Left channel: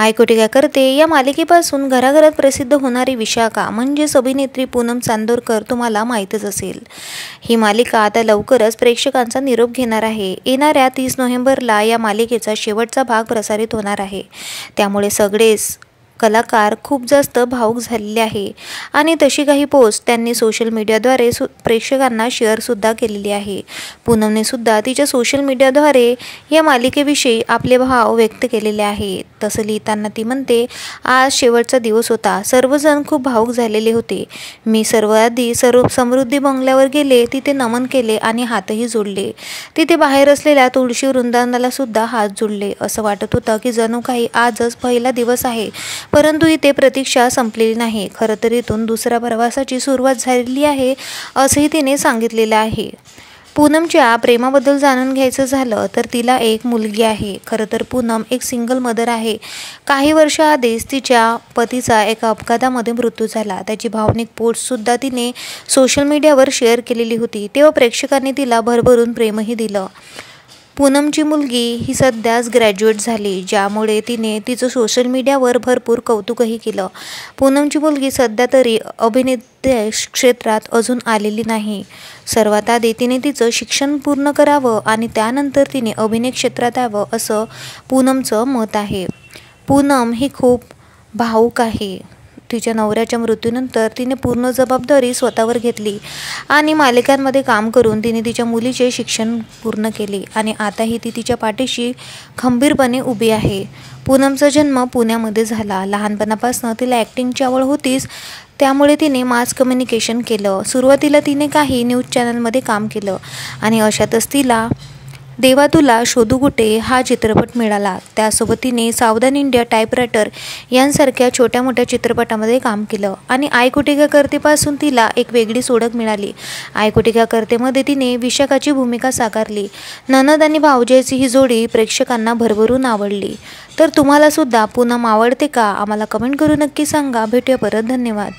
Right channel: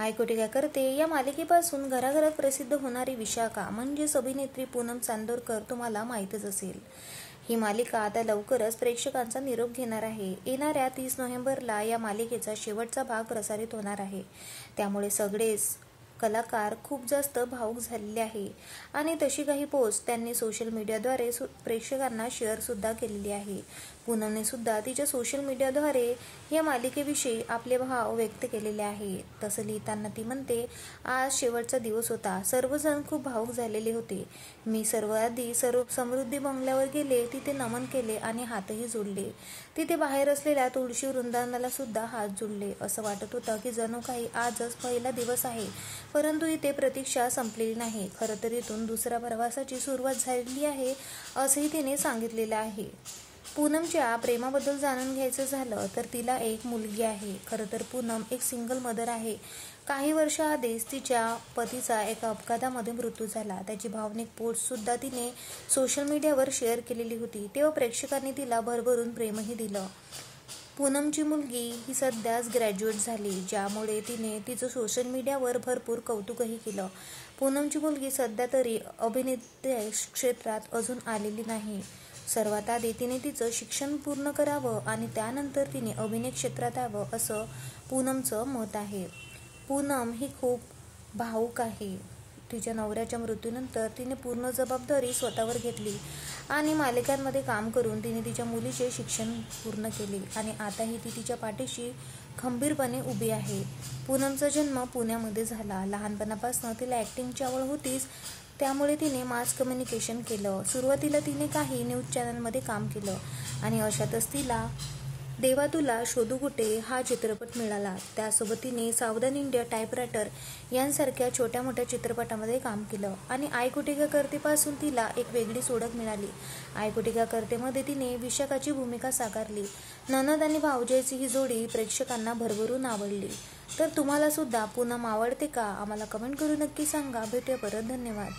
हायकोटी काय करते या मालिकेपासून घराघरात प्रसिद्ध होणारी विशाखा म्हणजेच अभिनेत्री पूनम चांदोरकर तुम्हाला माहीतच असेल। ही मालिका आता लवकरच प्रेक्षकांचा निरोप घेणार आहे। येणाऱ्या 30 नोव्हेंबरला या मालिकेचा शेवटचा भाग प्रसारित होणार आहे। त्यामुळे सगळेच कलाकार खूप जास्त भावुक झालेले आहे आणि तशी काही पोस्ट त्यांनी सोशल मीडियाद्वारे प्रेक्षकांना शेअरसुद्धा केलेली आहे। पूनमने सुद्धा तिच्या सोशल मीडियाद्वारे या मालिकेविषयी आपले भाव व्यक्त केलेले आहेत। तसं लिहिताना ती म्हणते, आज शेवटचा दिवस होता, सर्वजण खूप भावुक झालेले होते। मी सर्वात समृद्धी बंगल्यावर गेले, तिथे नमन केले आणि हातही जोडले। तिथे बाहेर असलेल्या तुळशी वृंदावनाला सुद्धा हात जोडले। असं वाटत होतं की जणू काही आजच पहिला दिवस आहे, परंतु इथे प्रतीक्षा संपलेली नाही। खरं तर इथून दुसऱ्या प्रवासाची सुरुवात झालेली आहे असंही तिने सांगितलेलं आहे। पूनमच्या प्रेमाबद्दल जाणून घ्यायचं झालं तर तिला एक मुलगी आहे। खरं तर पूनम एक सिंगल मदर आहे। काही वर्षाआधीच तिच्या पतीचा एका अपघातामध्ये मृत्यू झाला। त्याची भावनिक पोस्टसुद्धा तिने सोशल मीडियावर शेअर केलेली होती। तेव्हा प्रेक्षकांनी तिला भरभरून प्रेमही दिलं। पूनमची मुलगी ही सध्याच ग्रॅज्युएट झाली, ज्यामुळे तिने तिचं सोशल मीडियावर भरपूर कौतुकही केलं। पूनमची मुलगी सध्या तरी अभिनेत्री क्षेत्रात अजून आलेली नाही। सर्वात आधी तिने तिचं शिक्षण पूर्ण करावं आणि त्यानंतर तिने अभिनय क्षेत्रात यावं असं पूनमचं मत आहे। पूनम ही खूप भावुक आहे। तिच्या नवऱ्याच्या मृत्यूनंतर तिने पूर्ण जबाबदारी स्वतःवर घेतली आणि मालिकांमध्ये काम करून तिने तिच्या मुलीचे शिक्षण पूर्ण केले आणि आताही ती तिच्या पाठीशी खंबीरपणे उभी आहे। पूनमचा जन्म पुण्यामध्ये झाला। लहानपणापासून तिला ॲक्टिंगची आवड होतीच, त्यामुळे तिने मास कम्युनिकेशन केलं। सुरुवातीला तिने काही न्यूज चॅनलमध्ये काम केलं आणि अशातच तिला देवा तुला शोधू कुठे हा चित्रपट मिळाला। त्यासोबत तिने सावधान इंडिया, टायपरायटर यांसारख्या छोट्या मोठ्या चित्रपटामध्ये काम केलं आणि आयकोटी क्या करतेपासून तिला एक वेगळीच ओळख मिळाली। आयकोटी क्या करतेमध्ये तिने विशाखाची भूमिका साकारली। ननद आणि भावजाईची ही जोडी प्रेक्षकांना भरभरून आवडली। तर तुम्हाला सुद्धा पूनम आवडते का? आम्हाला कमेंट करून नक्की सांगा। भेटूया परत, धन्यवाद।